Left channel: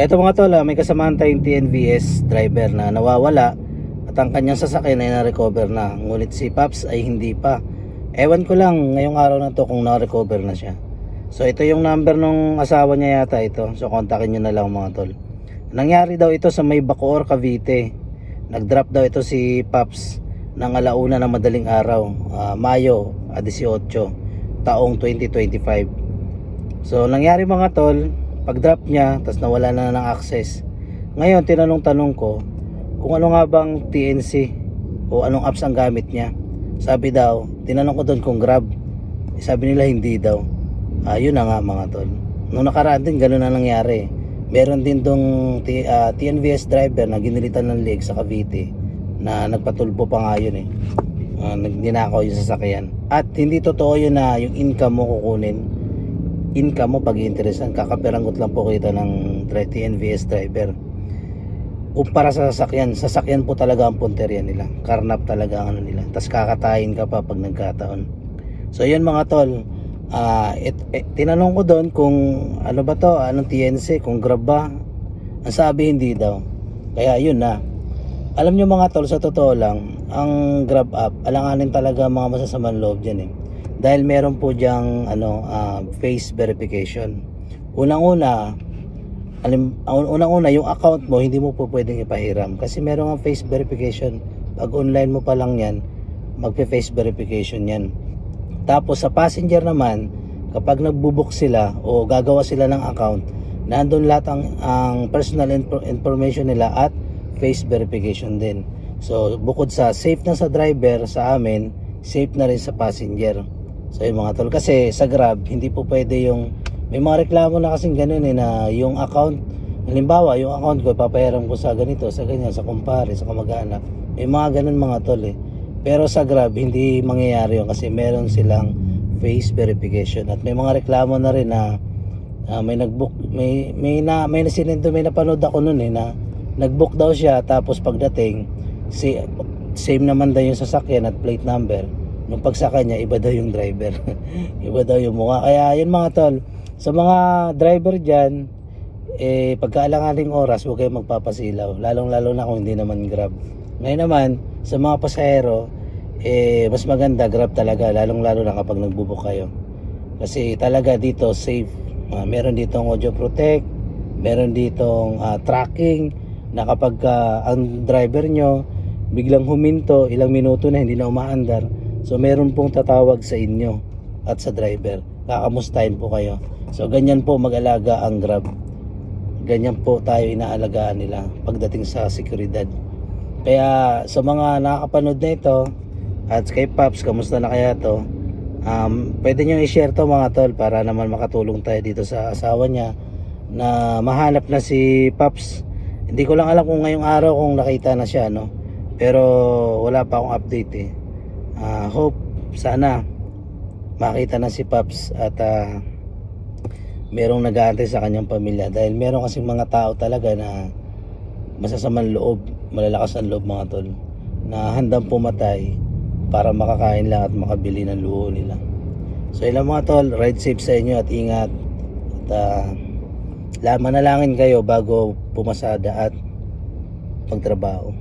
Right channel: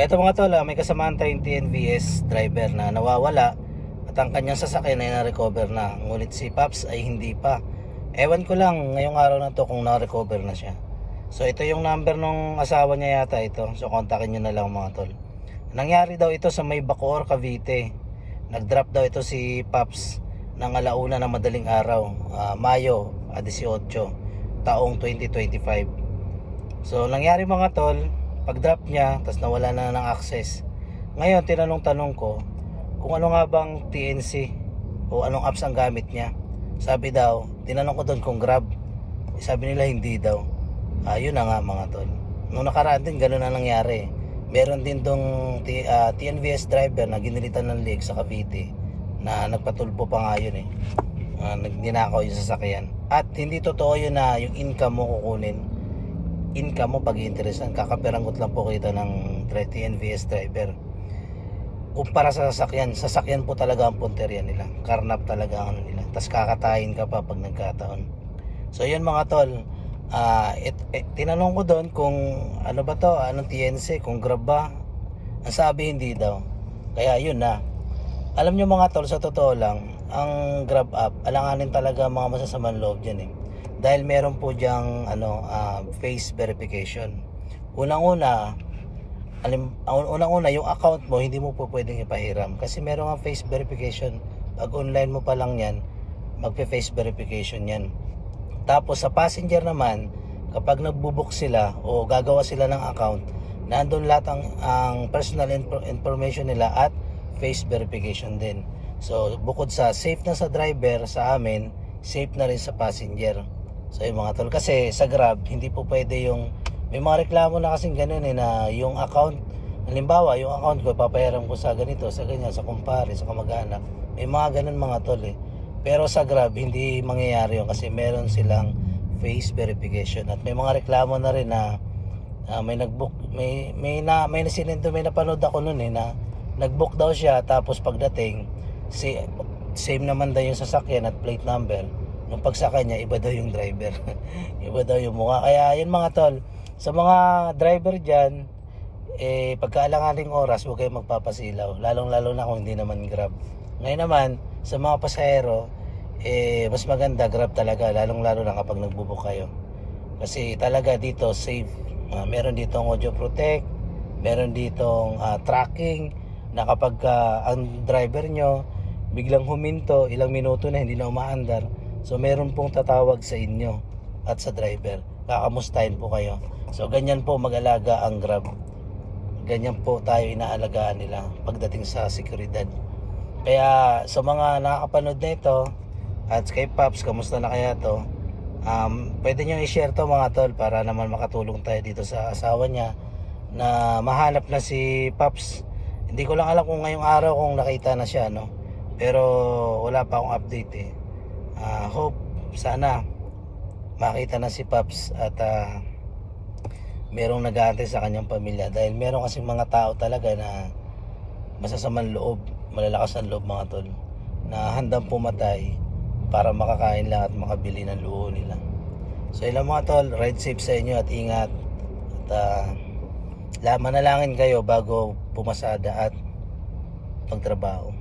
Eto mga tol, may kasamahan tayong TNVS driver na nawawala at ang kanyang sasakyan ay na-recover na. Ngunit si Pops ay hindi pa. Ewan ko lang ngayong araw na to kung na-recover na siya. So ito yung number nung asawa niya yata ito. So kontakin nyo na lang mga tol. Nangyari daw ito sa may Bacoor, Cavite. Nag-drop daw ito si Pops ng alauna ng madaling araw, Mayo 18, taong 2025. So nangyari mga tol, pag-drop niya, tas nawala na ng access. Ngayon, tinanong-tanong ko kung ano nga bang TNC o anong apps ang gamit niya. Sabi daw, tinanong ko doon kung Grab. Sabi nila hindi daw. Yun na nga mga tol. Nung nakaraan din, gano'n na nangyari. Meron din dong TNVS driver na ginilitan ng leg sa Cavite na nagpatulpo pa nga yun eh. Nagninakaw yung sasakyan. At hindi totoo yun na yung income mo kukunin. Income mo pag-iinteresan, kakaperanggot lang po kita ng TNVS driver. Kumpara sa sasakyan po talaga ang punteriya nila, karnap talaga ang ano nila, tas kakatayin ka pa pag nagkataon. So yun mga tol, tinanong ko doon kung ano ba to, anong TNC, kung Grab ba. Ang sabi hindi daw. Kaya yun na. Alam nyo mga tol, sa totoo lang, ang Grab app, alanganin talaga mga masasamang loob dyan eh. Dahil meron po diyang face verification. Unang-una yung account mo hindi mo po pwedeng ipahiram kasi meron ang face verification. Pag online mo pa lang yan, magpe-face verification yan. Tapos sa passenger naman, kapag nagbubook sila o gagawa sila ng account, nandun lahat ang personal information nila at face verification din. So bukod sa safe na sa driver, sa amin safe na rin sa passenger. So yung mga tol, kasi sa Grab hindi po pwede yung, may mga reklamo na kasing ganun eh, na yung account, halimbawa yung account ko papayaran ko sa ganito, sa ganyan, sa kumpare, sa kamag-anak, may mga ganun mga tol eh. Pero sa Grab hindi mangyayari yun kasi meron silang face verification. At may mga reklamo na rin na may nagbook, may nasinendo, may napanood ako nun eh, na nagbook daw siya, tapos pagdating same naman daw yung sasakyan at plate number. Nung pagsakay niya, iba daw yung driver. Iba daw yung mukha. Kaya yun mga tol, sa mga driver dyan, pagkaalanganing oras, huwag kayong magpapasilaw. Lalong-lalo na kung hindi naman Grab. Ngayon naman, sa mga pasahero, mas maganda Grab talaga. Lalong-lalo na kapag nagbubuk kayo. Kasi talaga dito, safe. Meron ditong audio protect, meron ditong tracking, na kapag ang driver nyo biglang huminto, ilang minuto na hindi na umaandar, so meron pong tatawag sa inyo at sa driver, kakamustahin po kayo. So ganyan po mag-alaga ang Grab, ganyan po tayo inaalagaan nila pagdating sa seguridad. Kaya sa mga nakakapanood na ito at kay Pops, kamusta na kaya to, pwede nyo i-share to mga tol, para naman makatulong tayo dito sa asawa niya na mahanap na si Pops. Hindi ko lang alam kung ngayong araw kung nakita na siya, no? Pero wala pa akong update eh. Hope sana makita na si Pops at merong nag-aantay sa kanyang pamilya, dahil meron kasing mga tao talaga na masasamang loob, malalakas ang loob mga tol, na handang pumatay para makakain lang at makabili ng luho nila. So ilang mga tol, ride safe sa inyo at ingat, at manalangin kayo bago pumasada at magtrabaho.